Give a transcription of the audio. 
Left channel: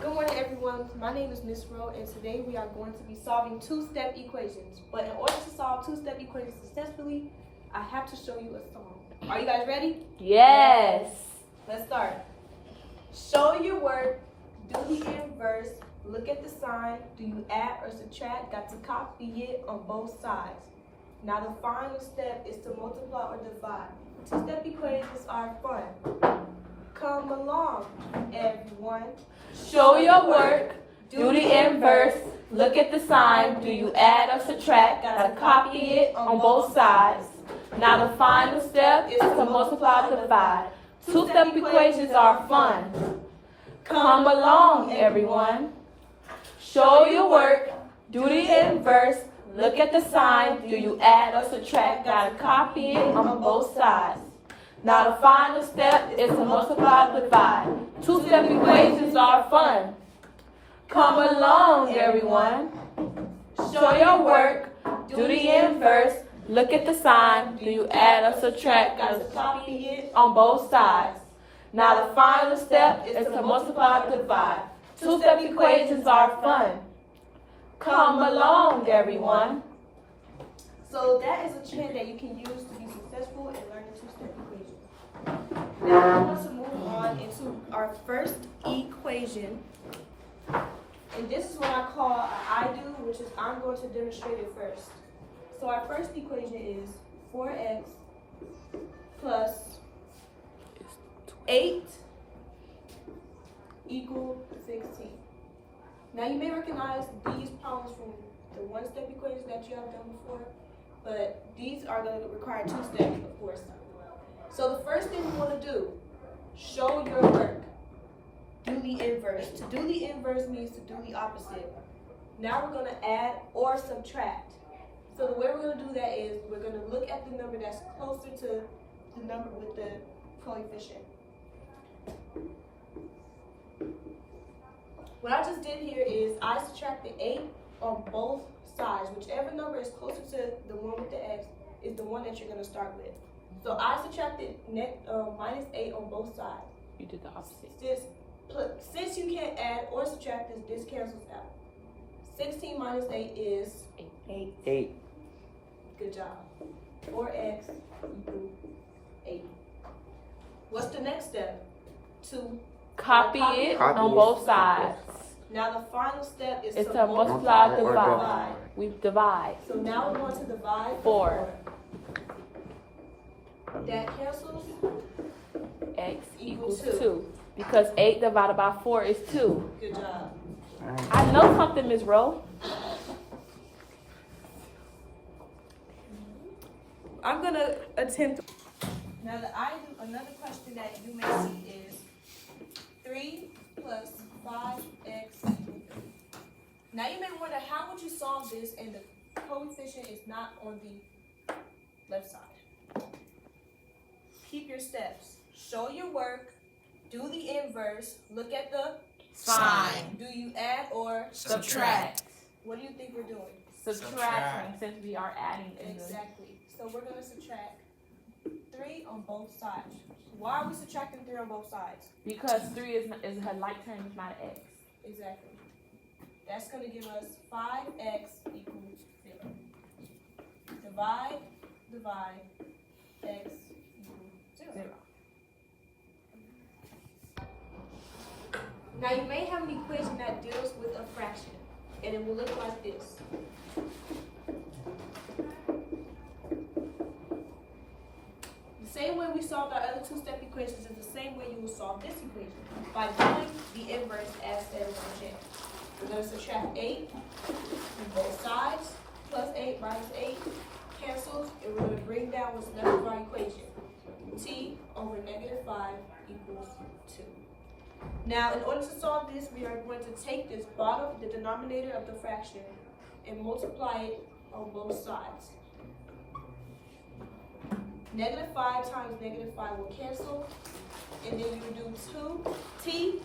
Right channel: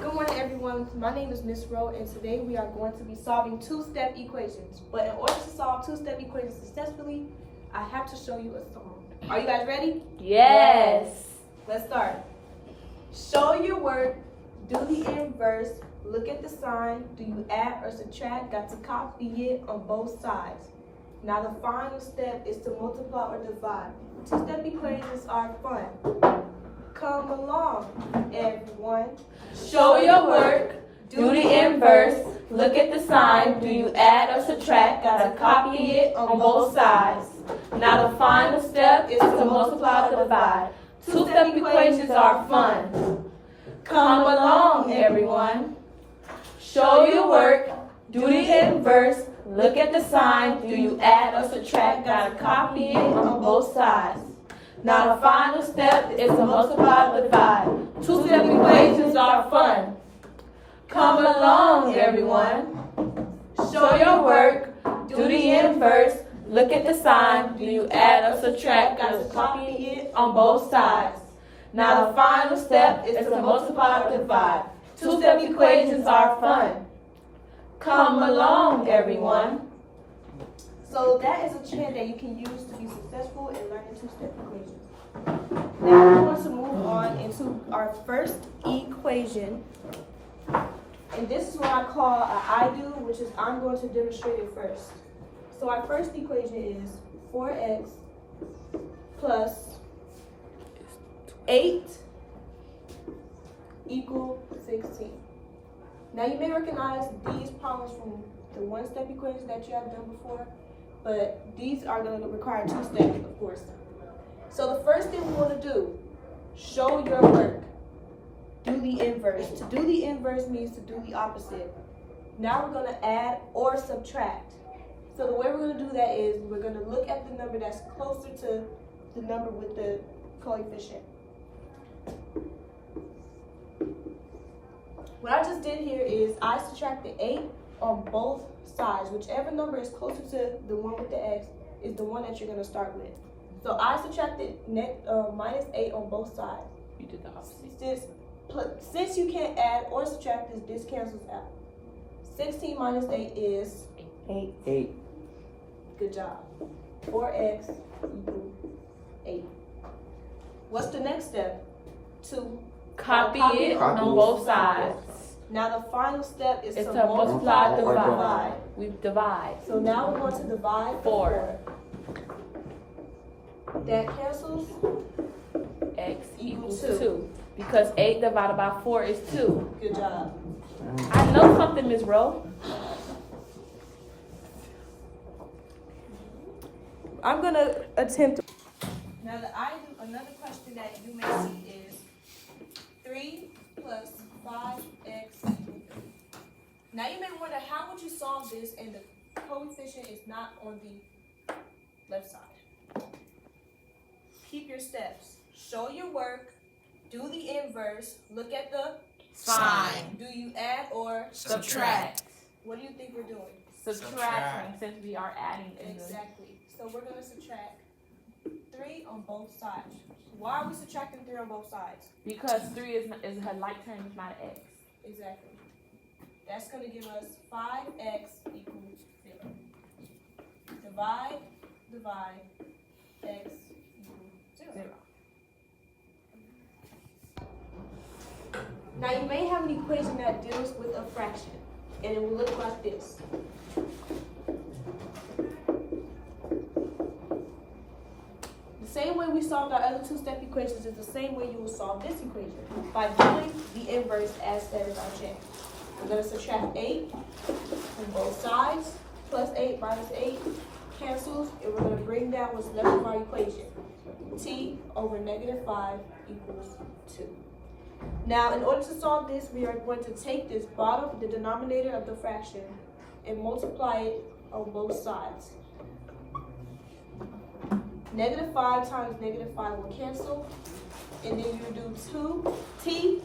Good morning, everyone. My name is Miss Rowe, and today we are going to be solving two-step equations. But in order to solve two-step equations successfully, I have to show you a song. Are you guys ready? Yes. Let's start. Show your work, do the inverse, look at the sign, do you add or subtract, got to copy it on both sides. Now the final step is to multiply or divide. Two-step equations are fun. Come along, everyone. Show your work, do the inverse, look at the sign, do you add or subtract, gotta copy it on both sides. Now the final step is to multiply or divide. Two-step equations are fun. Come along, everyone. Show your work, do the inverse, look at the sign, do you add or subtract, gotta copy it on both sides. Now the final step is to multiply or divide. Two-step equations are fun. Come along, everyone. Show your work, do the inverse, look at the sign, do you add or subtract, gotta copy it on both sides. Now the final step is to multiply or divide. Two-step equations are fun. Come along, everyone. So that is a chant that you can use to be successful in learning two-step equations. Now we're going to move on into our first equation. And this is what I call an I do, which is I'm going to demonstrate it first. So our first equation is 4x plus 8 equal 16. Now you may recognize these problems from the one-step equations that you have done before, but these are going to require two steps, of course. So the first thing we want to do, show your work, do the inverse. To do the inverse means to do the opposite. Now we're going to add or subtract. So the way we're going to do that is we're going to look at the number that's closer to the number with the coefficient. What I just did here is I subtracted 8 on both sides. Whichever number is closer to the one with the x is the one that you're going to start with. So I subtracted minus 8 on both sides. You did the opposite. Since you can't add or subtract this cancels out. 16 minus 8 is 8. Good job. 4x equals 8. What's the next step? To Copy it on both sides. Now the final step is to multiply or or divide. We divide. So now we're going to divide 4. That cancels. X equals 2. Because 8 divided by 4 is 2. Good job. I know something, Ms. Rowe. I'm going to attempt. Now another question that you may see is 3 plus 5x equals 3. Now you may wonder, how would you solve this and the coefficient is not on the left side? Keep your steps. Show your work, do the inverse, look at the sign. Do you add or Subtract. What do you think we're doing? Subtraction, since we are adding in Exactly. So we're going to subtract 3 on both sides. Why are we subtracting 3 on both sides? Because 3 is her like term, is not an x. Exactly. That's going to give us 5x equals 0. Divide, x equals 0. Now you may have an equation that deals with a fraction, and it will look like this. The same way we solved our other two-step equations is the same way you will solve this equation, by doing the inverse as stated by Jan. We're going to subtract 8 from both sides, plus 8 minus 8 cancels, and we're going to bring that what's left of our equation. T over negative 5 equals 2. Now, in order to solve this, we are going to take this bottom, the denominator of the fraction, and multiply it on both sides. Negative 5 times negative 5 will cancel, and then you do 2t